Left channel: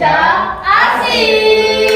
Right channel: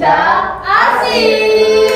Bincang Asik.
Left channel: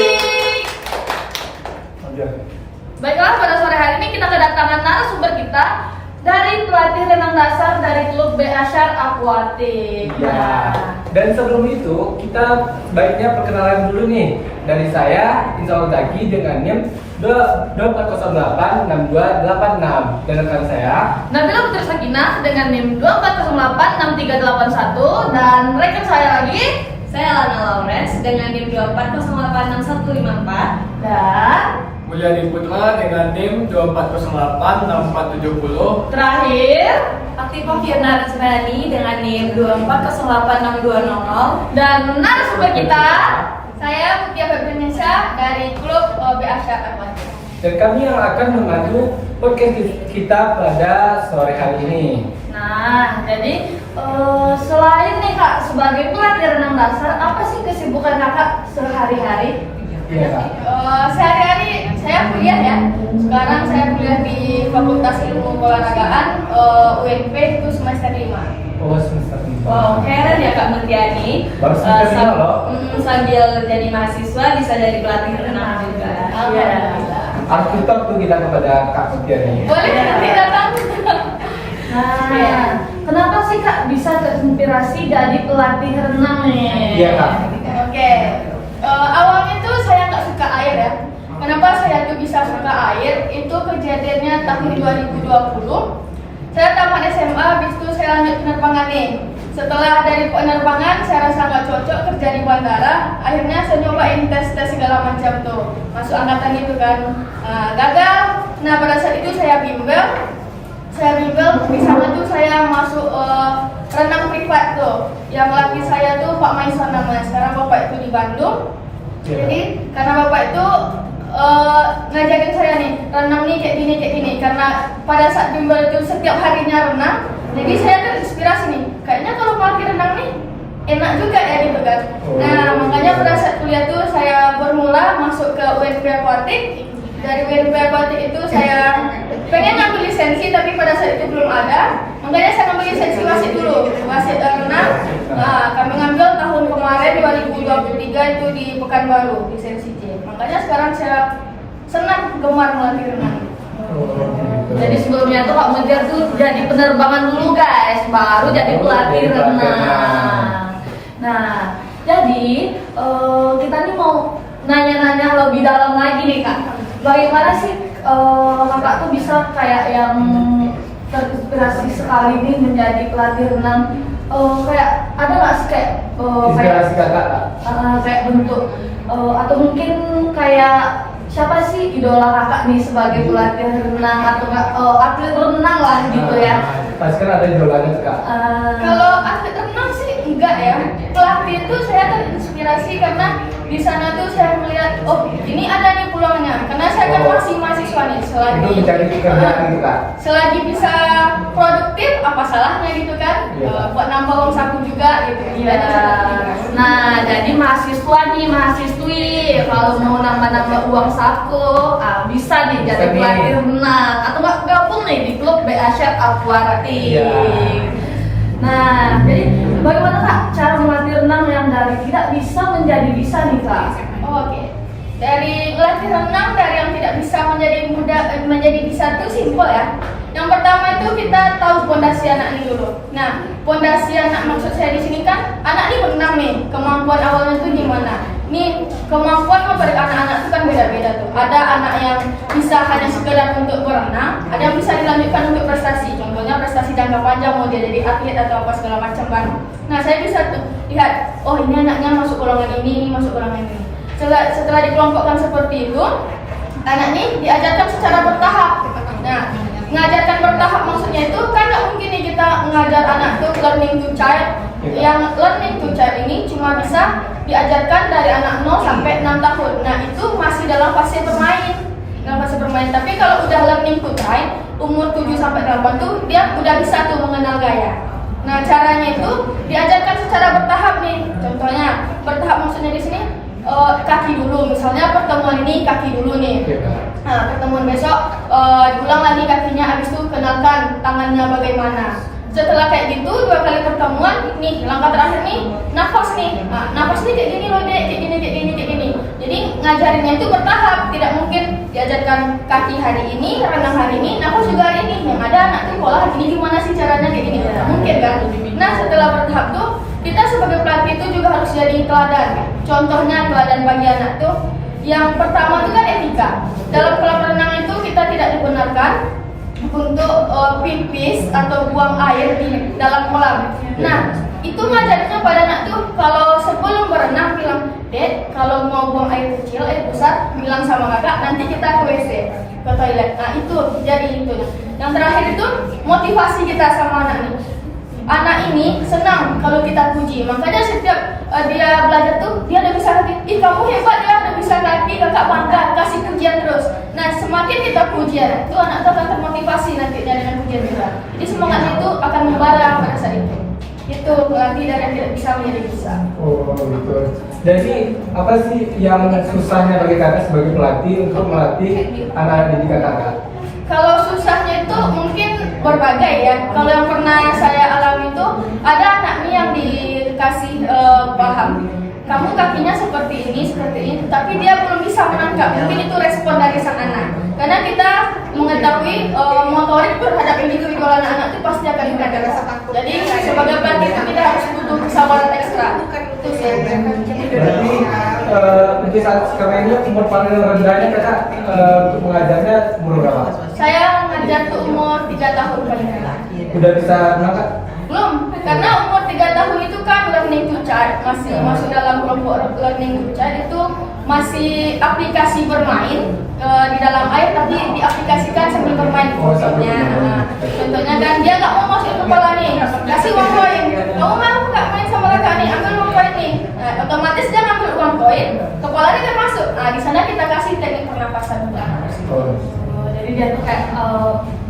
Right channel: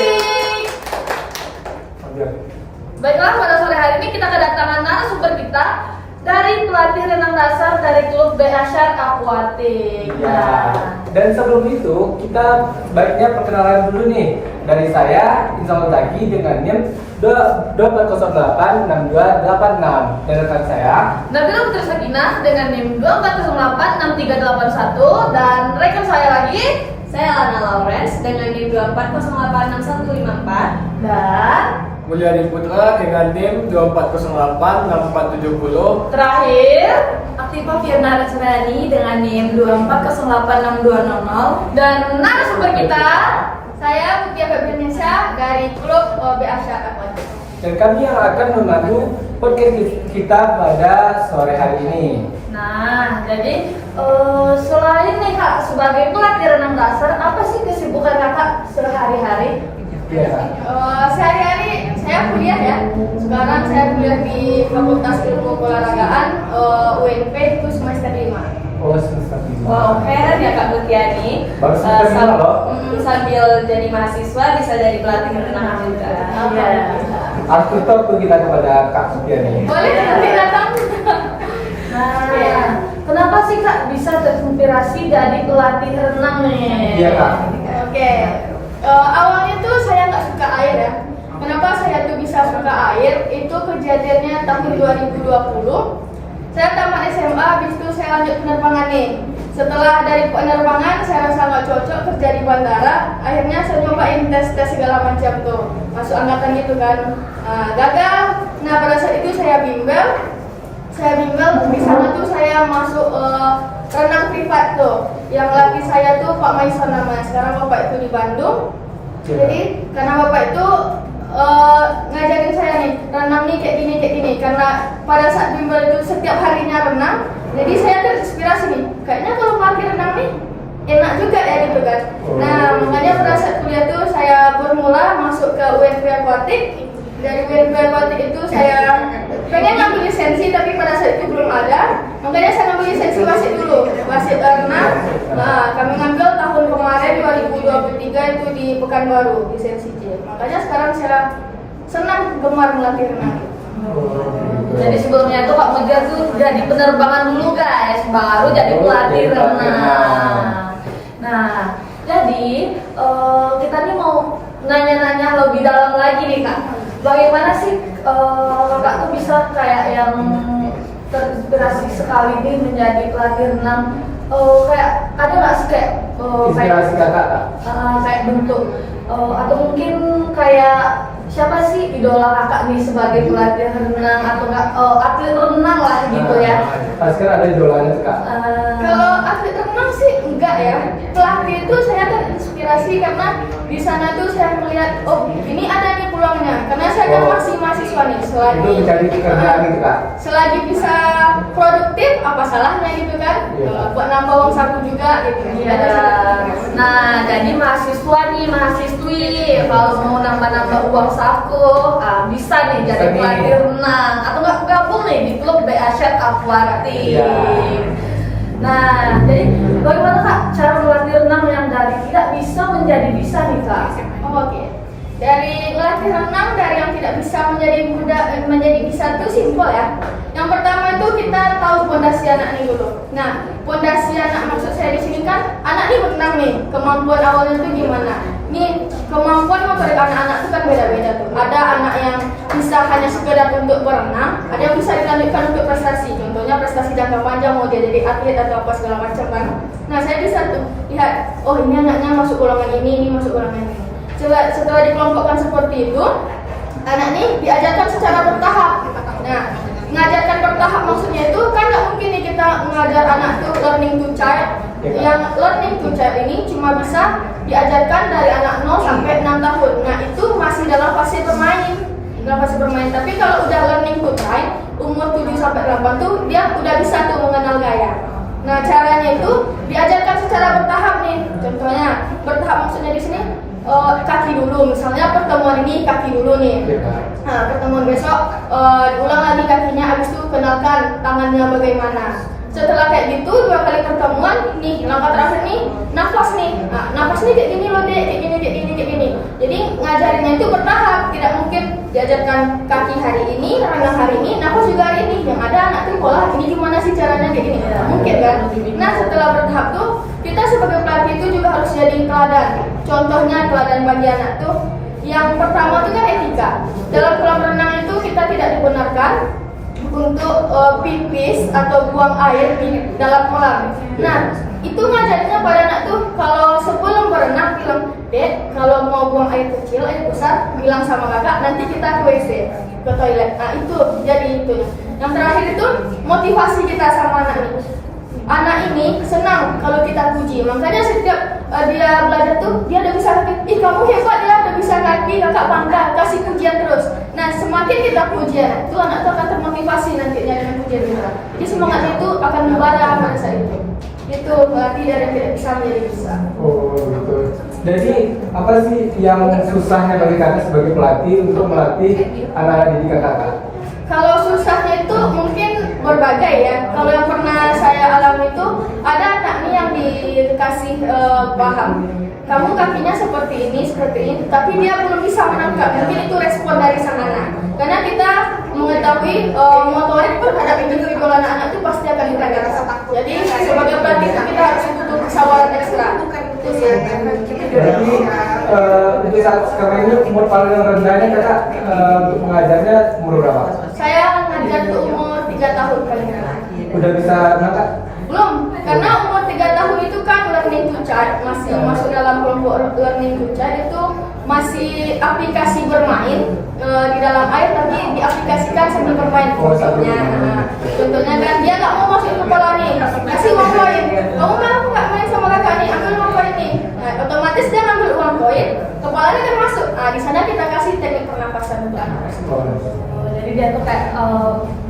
Baiklah, pada sore hari ini kita kedatangan narasumber kita dari pelatih renang dasar dari klub BA Aquatic. Ya. Dan sebelum itu kita sebaiknya perkenalan dulu nih. Dari saya Insya Allah lagi dengan NIM 24086286 dan rekan saya Nabila Putri Sakinah dengan NIM 24086381 dan rekan saya lagi Saya Lana Lawrence dengan NIM 24086154 dan Mulyadi Putra dengan NIM 24086470. terakhir Aktifah Firna Rasurani dengan NIM 24086200 dan narasumber kita saya Mutia Febriansyah dari klub BA Aquatic. dan kami yang akan memandu podcast kita pada sore hari ini. Nah, jadi selain nih Kak sebagai pelatih renang dasar, apa sih kesibukan Kakak sehari-hari? Iya Kak. Sehari-hari saya kuliah ya. Sekarang saya kuliah di Fakultas Ilmu Keolahragaan UNP itu semester 5. Oh semester 5. Wow, keren ya Kak Mutiani. Baru semester 5 loh. Sambil jadi mahasiswa bisa jadi pelatih renang juga. Alhamdulillah. Aku tuh kita kepada Kak Mutia nih. Boleh nanti datang. Iya. Kenapa sih Kak bisa terinspirasi dari pelatih renang nih? Iya Kak. Oke. Awalnya tuh saya nggak suka air ya. Kenapa saya tuh bisa suka air? Itu kejadiannya tahun 2020. Saya tamat SMA, habis itu saya lanjut penerbangan nih. Setelah dari penerbangan, saya rasa nggak cocok kerja di bandara. Akhirnya saya nyobain tes segala macam tuh, masuk angkatan gitu kan. Gagal. Nah pada saat itu saya bimbel. Di sana tuh saya masuk renang privat tuh. Yang laki saya tuh Pak Maisan namanya. Sekarang bapak itu di Bandung. Jadi karena bapak itu ngajarin saya nih renang nih kayak gini karena pada saat bimbel itu setiap harinya renang, jadi saya terinspirasi nih kayaknya kalau pelatih renang nih enak juga ya gitu kan. Nah makanya pada saat kuliah tuh saya bermula masuk ke UNP Aquatic. Dari UNP Aquatic itu saya pengen ngambil lisensi tapi pada saat itu belum ada, makanya saya ngambil lisensi wasit dulu, wasit renang. Nah kami ngambil tahun kemarin 2023 itu di Pekanbaru lisensi C. Makanya sekarang saya senang gemar melatih renang. Jadi sebelumnya tuh Kak Mutia tuh jadi penerbangan dulu guys, baru jadi pelatih renang. Nah jadi kita nih mau nanya-nanya lebih dalam lagi nih Kak. Bagaimana sih Kakak tuh bisa kayak yang terinspirasi sekali nih menjadi pelatih renang? Kayak ada nggak sih kayak Inspirasi Kakak Kak? kayak bentuk atau mungkin kayak siapa sih idola Kakak nih sebagai pelatih renang atau nggak atlet renang lah gitu ya? Pasti kan ada julukannya Kak. Kalau atlet renang sih enggak ya. Pelatih itu saya terinspirasi karena di sana tuh saya melihat oh ini ada di peluangnya. Karena saya kan masih mahasiswa nih, Itu mencari pekerjaan gitu Kak. selagi bisa produktif apa salahnya gitu kan? Iya. Buat nambah uang saku juga gitu. Nah jadi mahasiswa nih mahasiswi kalau mau nambah uang saku bisa nih jadi Bisa nih. pelatih renang atau nggak gabung nih di klub BA Aquatic. Iya. Nah, jadi bagaimana Kak cara melatih renang yang dari tidak bisa menjadi bisa nih Kak? Oke. Dari melatih renang dari yang tidak bisa menjadi bisa itu simpel ya. Yang pertama itu kita tahu pondasi anak ini dulu. Nah, pondasi anak maksud saya di sini kan anak ini berenang nih, kemampuan awalnya itu gimana? Nih kemampuan motorik anak-anak itu kan beda-beda tuh. Ada anak yang bisa hanya sekedar untuk berenang, ada yang bisa dilanjutkan untuk prestasi. Contohnya prestasi jangka panjang mau dia jadi atlet atau apa segala macam kan. Nah saya bisa tuh lihat, oh ini anaknya masuk golongan ini masuk golongan ini. Setelah dikelompokkan seperti itu, anak ini diajarkan secara bertahap. Nah mengajarkan bertahap maksudnya itu kan nggak mungkin nih kita mengajar anak tuh learning to child. Yang learning to child ini cuma bisa diajarkan dari anak 0 sampai 6 tahun. Nah itu masih dalam fase bermain. Tapi kalau udah learning to train, umur 7 sampai 8 tuh dia udah bisa tuh mengenal gaya. Nah caranya itu diajarkan secara bertahap nih. Contohnya bertahap maksudnya di sini kaki dulu. Misalnya pertemuan ini kaki dulu nih. Nah pertemuan besok diulang lagi kakinya, habis itu kenalkan tangannya bagaimana. Setelah kayak gitu 2 kali pertemuan, nih langkah terakhir nih nafas nih. Nah, nafas nih kayak gini loh dek, kayak gini. Jadi ngajarinnya itu bertahap, tidak mungkin diajarkan kaki hari ini, renang hari ini, nafas juga hari ini. Yang ada anak tuh pola ini gimana sih caranya kayak gini, tidak mungkin kan? Nah setelah bertahap tuh kita sebagai pelatih itu juga harus jadi teladan. Contohnya teladan bagi anak tuh yang pertama itu kan etika. Dalam kolam renang itu kita tidak dibenarkan untuk pipis atau buang air di dalam kolam. Nah, itu ngajarinnya pada anak tuh kalau sebelum berenang bilang, "Dek, kalau mau buang air kecil, air besar, bilang sama kakak, nanti kita ke WC, ke toilet." Nah, itu jadi itu. Yang terakhir itu motivasi kita sama anak ini. Anak ini senang kalau kita puji, makanya setiap dia belajar tuh dia udah bisa lagi, ih kamu hebat ya, udah bisa lagi, kakak bangga, kasih pujian terus. Nah semakin kita pujian, itu anak tuh akan termotivasi nantinya dengan pujian kita. Jadi semangat itu akan membara pada saat itu. Itu berarti dari tidak bisa menjadi bisa. Oh gitu. Jadi apa sih yang susahnya bagi kakak sebagai pelatih untuk melatih anak didikan kakak? Kalau susahnya itu mungkin berbagai ya. Kalau yang pernah saya alami itu ada anak nih yang dikasih paham, kamu kakinya seperti ini, tapi dia belum bisa menangkap. Mungkin itu respon dari sang anak. Karena kita mengetahui motorik terhadap individual anak-anak itu pasti akan berbeda. Jadi sebagai pelatih itu kita harus butuh kesabaran ekstra. Itu sih. Berarti untuk saat sekarang ini umur paling rendahnya kakak untuk mengajarnya umur berapa? Saya ngajar tuh umur 3 tahun paling rendah. Udah bisa kakak? Belum, karena umur 3 tahun itu kan learning to chart, masih masuk dalam kelompok learning to chart. Itu masih aplikasi bermain di dalam air, tapi diaplikasikan sambil bermain. Contohnya kan dia nggak mau masukin kepala nih, kasih uang koin. Kamu mau nggak main sama kakak nih, ambil uang koin nih. Otomatis dia ngambil uang koin, kepalanya kan masuk. Di sana kita kasih teknik pernapasan untuk anak. Jadi dia tuh kayak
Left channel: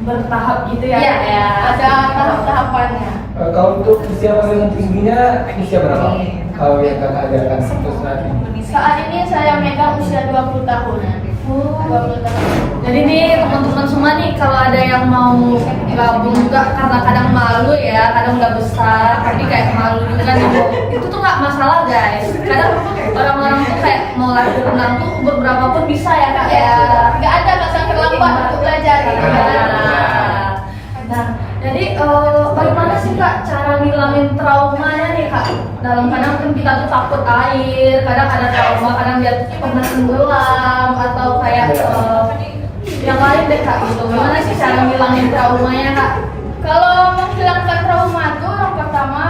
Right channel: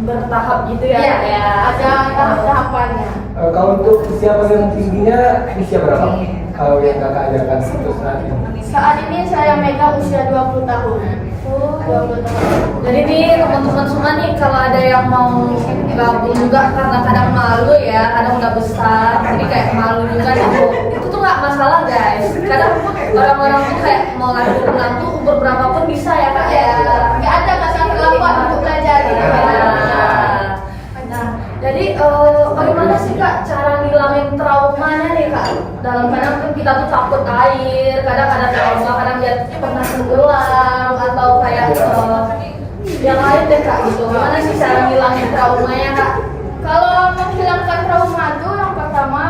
bertahap gitu ya? Iya, ada tahap-tahapannya. Kalau untuk usia paling tingginya usia berapa? Kalau yang kakak ajarkan untuk saat ini? Saat ini saya megang usia 20 tahun. 20 tahun. Jadi nih teman-teman semua nih kalau ada yang mau gabung juga kadang-kadang malu ya, kadang udah besar, jadi kayak malu juga gitu. Itu tuh nggak masalah guys. Kadang orang-orang tuh kayak mau latihan renang tuh umur berapapun bisa ya kak ya. Nggak ada masa terlambat untuk belajar gitu. Nah, jadi bagaimana sih kak cara ngilangin traumanya nih kak? Dalam kadang kan kita tuh takut air, kadang ada trauma, kadang dia pernah tenggelam atau kayak yang lain deh kak gitu. Gimana sih cara ngilangin traumanya kak? Kalau menghilangkan trauma itu yang pertama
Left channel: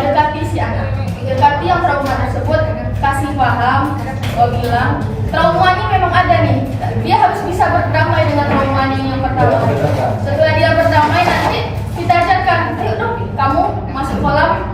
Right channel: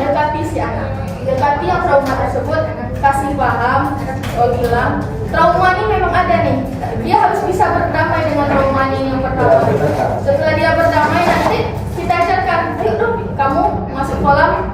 dekati si anak. Dekati yang trauma tersebut, kasih paham, bilang traumanya memang ada nih. Dia harus bisa berdamai dengan traumanya yang pertama. Setelah dia berdamai nanti kita ajarkan, ayo dong kamu masuk kolam.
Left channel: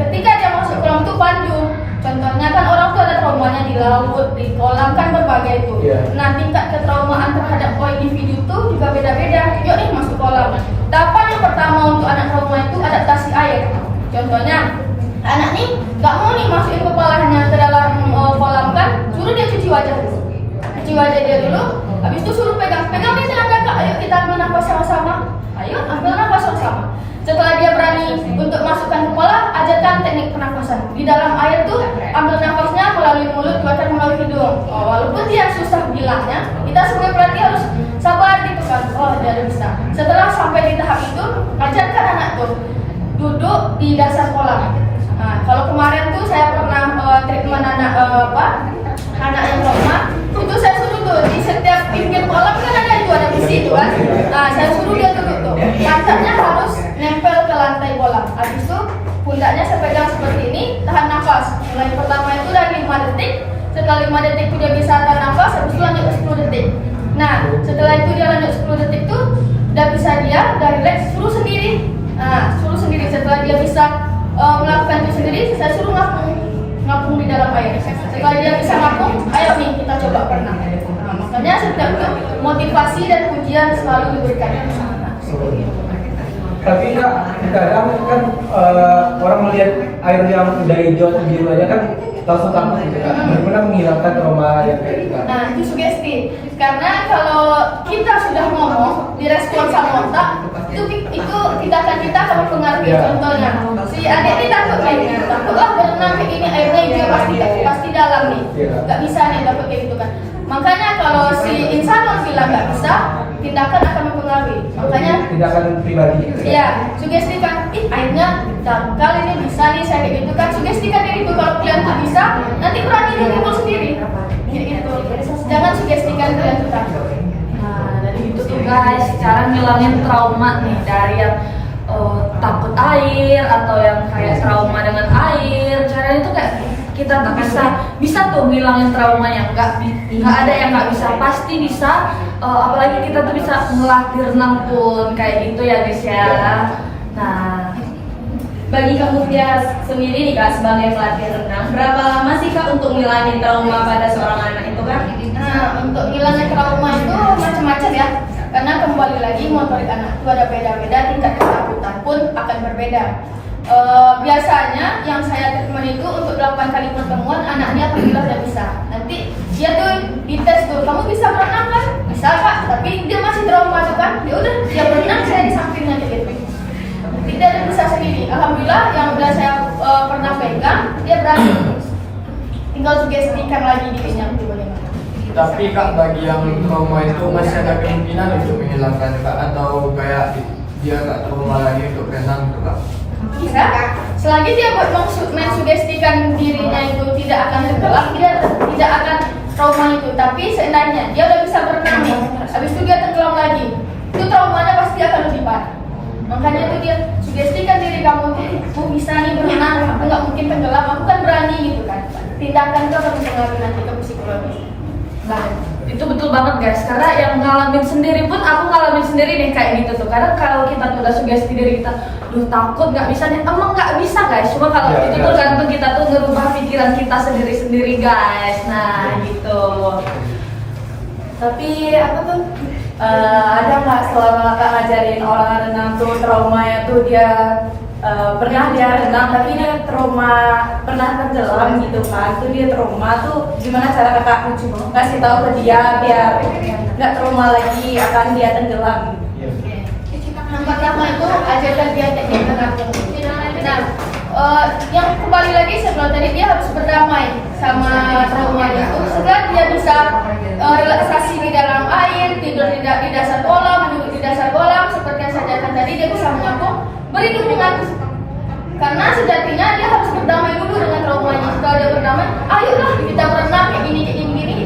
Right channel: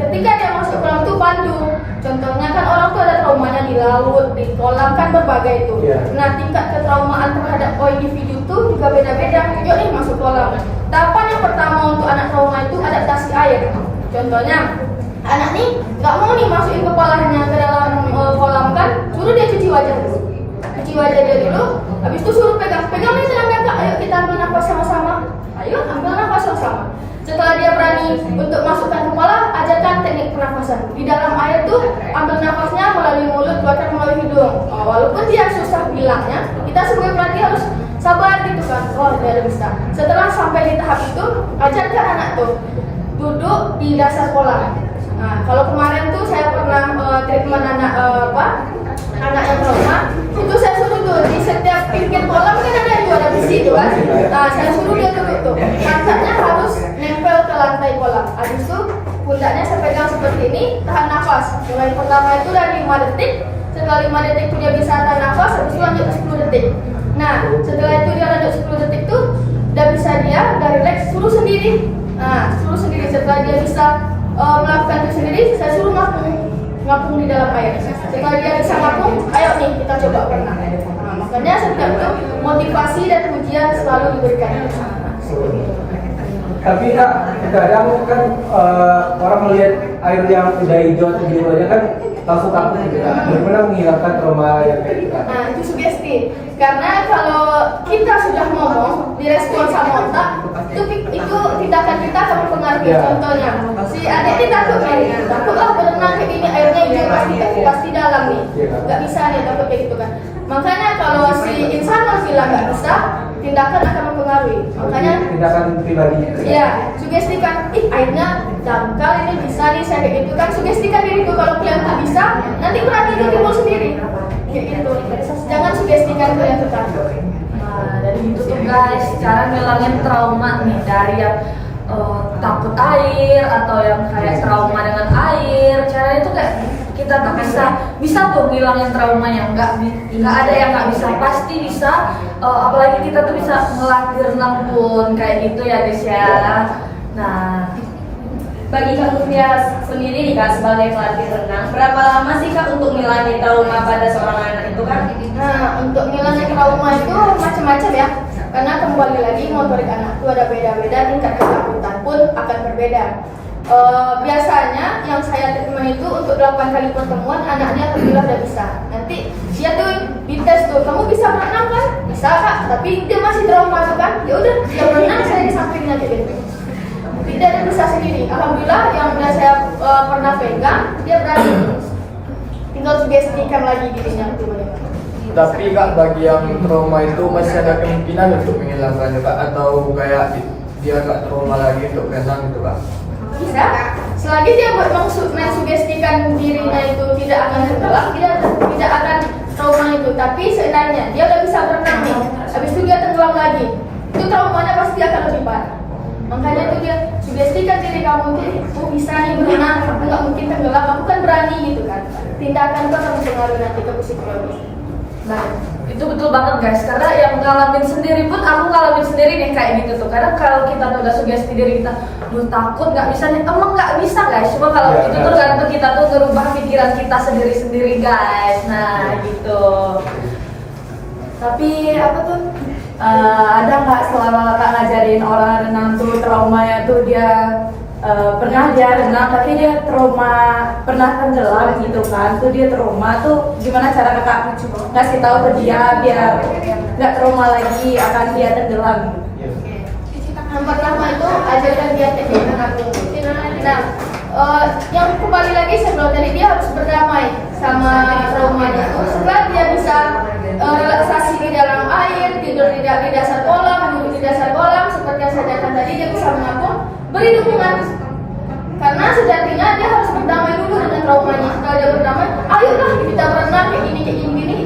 Ketika dia masuk kolam itu pandu. Contohnya kan orang tuh ada traumanya di laut, di kolam kan berbagai itu. Nah tingkat ketraumaan terhadap individu itu juga beda-beda. Yuk nih masuk kolam. Tahapan yang pertama untuk anak trauma itu adaptasi air. Contohnya anak nih nggak mau nih masukin kepalanya ke dalam kolam kan, suruh dia cuci wajah dulu. Cuci wajah dia dulu, habis itu suruh pegang nih tangan kak, ayo kita ambil nafas sama-sama. Ayo ambil nafas sama-sama. Setelah dia berani untuk masukkan kepala, ajarkan teknik pernapasan. Di dalam air tuh ambil nafasnya melalui mulut, keluarkan melalui hidung. Walaupun dia susah bilangnya, kita sebagai pelatih harus sabar gitu kan. Oh dia udah bisa. Setelah sampai di tahap itu, ajarkan anak tuh duduk di dasar kolam. Nah, kalau kemarin tuh saya pernah treatment anak anak yang trauma, itu saya suruh tuh di setiap pinggir kolam kan ada besi itu kan. Nah, saya suruh dia duduk tuh. Pancatnya harus nempel ke lantai kolam. Habis itu pundaknya saya pegang seperti ini, tahan nafas. Mulai pertama itu dari 5 detik. Setelah 5 detik itu dia bisa tahan nafas, habis itu lanjut ke 10 detik. Nah, setelah itu dia lanjut 10 detik tuh udah bisa dia udah relax, suruh sendiri. Nah, suruh sendiri. Setelah dia bisa melakukan itu sendiri, saya suruh ngapung di dalam air. Setelah dia bisa ngapung, ayo nih kita coba berenang. Nah, makanya setiap itu motivasi dan pujian selalu diberikan ke anak. Tapi Kak, kadang kan orang melihat air yang udah hijau atau biru aja kan langsung takut gitu kan. Benar-benar menghilangkan trauma yang kayak gitu kan. Nah, itu sugesti. Karena kalau kita sudah ngomong, direspon sama otak, itu tindakan kita akan mempengaruhi. Contohnya, si adik ini takutlah berenang kayak gini, airnya hijau pasti dalam nih, nggak bisa nih dapat kayak gitu kan. Makanya kalau si insan bilang nggak bisa, tindakan akan mempengaruhi. Makanya tindakan pribadi. iya, sugestikan, airnya dangkal ini bisa nih saya kayak gitu kan. Sugestikan diri tuh kalau kalian tuh bisa, nanti berani timbul sendiri. Kayak gitu. Jangan sugestikan kalian tuh takut. Nah, jadi itu tuh guys, cara ngilangin trauma nih dari yang takut air atau yang kayak trauma dengan air. Caranya tuh kayak kita tuh bisa tuh ngilangin trauma yang nggak ada yang nggak bisa, pasti bisa. Apalagi kita tuh bisa ngelatih renang pun kayak gitu ya guys ya. Nah, Bagi Kak Mufia sendiri nih Kak sebagai pelatih renang, berapa lama sih Kak untuk ngilangin trauma pada seorang anak itu Kak? Nah, untuk ngilangin trauma itu macam-macam ya. Karena kembali lagi motorik anak itu ada beda-beda, tingkat ketakutan pun akan berbeda. Biasanya yang saya treatment itu untuk 8 kali pertemuan anaknya alhamdulillah udah bisa. Nanti dia tuh dites tuh, kamu bisa berenang kan? Bisa Kak, tapi dia masih trauma tuh kan? Ya udah, dia berenang saya di sampingnya gitu. Tidak ada bisa sendiri. Alhamdulillah yang udah saya pernah pegang dia berani. Tinggal sugestikan lagi dirinya bagaimana. Tapi Kak, bagi yang trauma itu masih ada kemungkinan untuk menghilangkannya Kak, atau kayak dia gak trauma lagi untuk renang gitu Kak? Bisa. Selagi dia mensugestikan dirinya itu tidak akan tenggelam, tidak akan trauma itu. Tapi seandainya dia udah bisa berenang nih, habis itu dia tenggelam lagi, itu traumanya pasti akan lebih parah. Makanya itu dia sugestikan diri kamu tuh, aku bisa nih berenang, aku nggak mungkin tenggelam, aku kan berani gitu kan. Tindakan itu akan mempengaruhi nanti ke psikologis. nah itu betul banget guys, karena yang ngalamin sendiri pun aku ngalamin sendiri nih kayak gitu tuh. Karena kalau kita tuh udah sugesti diri kita, duh takut nggak bisa nih, emang nggak bisa guys. Cuma kalau itu tergantung kita tuh ngerubah pikiran kita sendiri-sendiri guys. Nah gitu. Tapi apa tuh? Ada nggak selama Kakak ngajarin orang renang tuh traumanya tuh dia pernah dia renang tapi dia trauma pernah tenggelam gitu kan? Tuh dia trauma tuh gimana cara Kakak ngasih tahu ke dia biar nggak trauma lagi akan dia tenggelam? Yang pertama itu ajarkan dia teknik mengatur. Nah, yang kembali lagi sebelum tadi dia harus berdamai sama traumanya itu. Setelah dia bisa relaksasi di dalam air, tidur di dasar kolam, duduk di dasar kolam, seperti yang saya katakan tadi, dia bisa mengapung, beri dukungan. Karena sejatinya dia harus berdamai dulu dengan traumanya. Setelah dia berdamai, ayolah kita berenang kayak gini,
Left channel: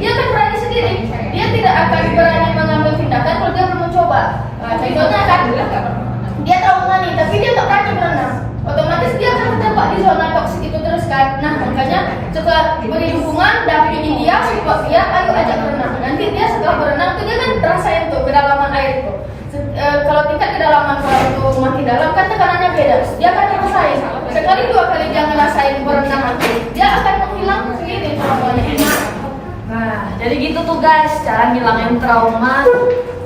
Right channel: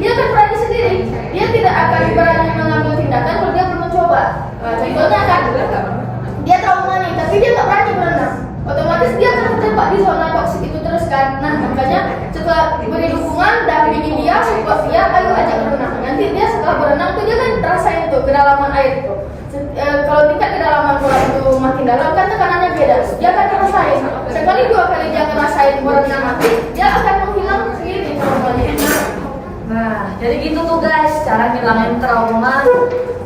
dia akan berani sendiri. Dia tidak akan berani mengambil tindakan kalau dia belum mencoba. Contohnya kan, dia trauma nih, tapi dia tak berani berenang. Otomatis dia akan terjebak di zona toksik itu terus kan. Nah makanya setelah beri dukungan, dampingi dia, support dia, ayo ajak berenang. Nanti dia setelah berenang tuh dia kan rasain tuh kedalaman air itu. Kalau tingkat kedalaman kolam itu makin dalam kan tekanannya beda. Dia akan ngerasain. Sekali 2 kali dia ngerasain berenang nanti, dia akan menghilang sendiri traumanya ini. Nah, jadi gitu tuh guys, cara ngilangin trauma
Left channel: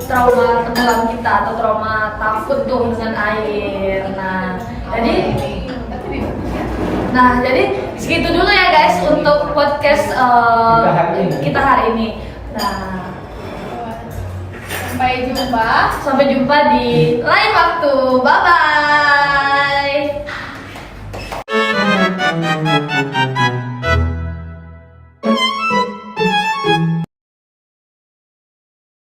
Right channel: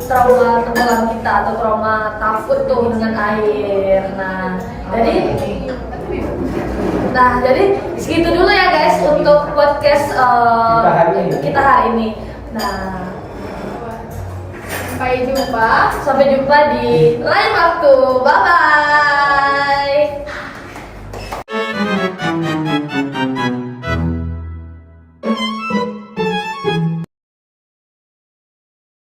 tenggelam kita atau trauma takut tuh dengan air. Nah, jadi segitu dulu ya guys untuk podcast kita hari ini. Nah, Sampai jumpa. sampai jumpa di lain waktu. Bye bye.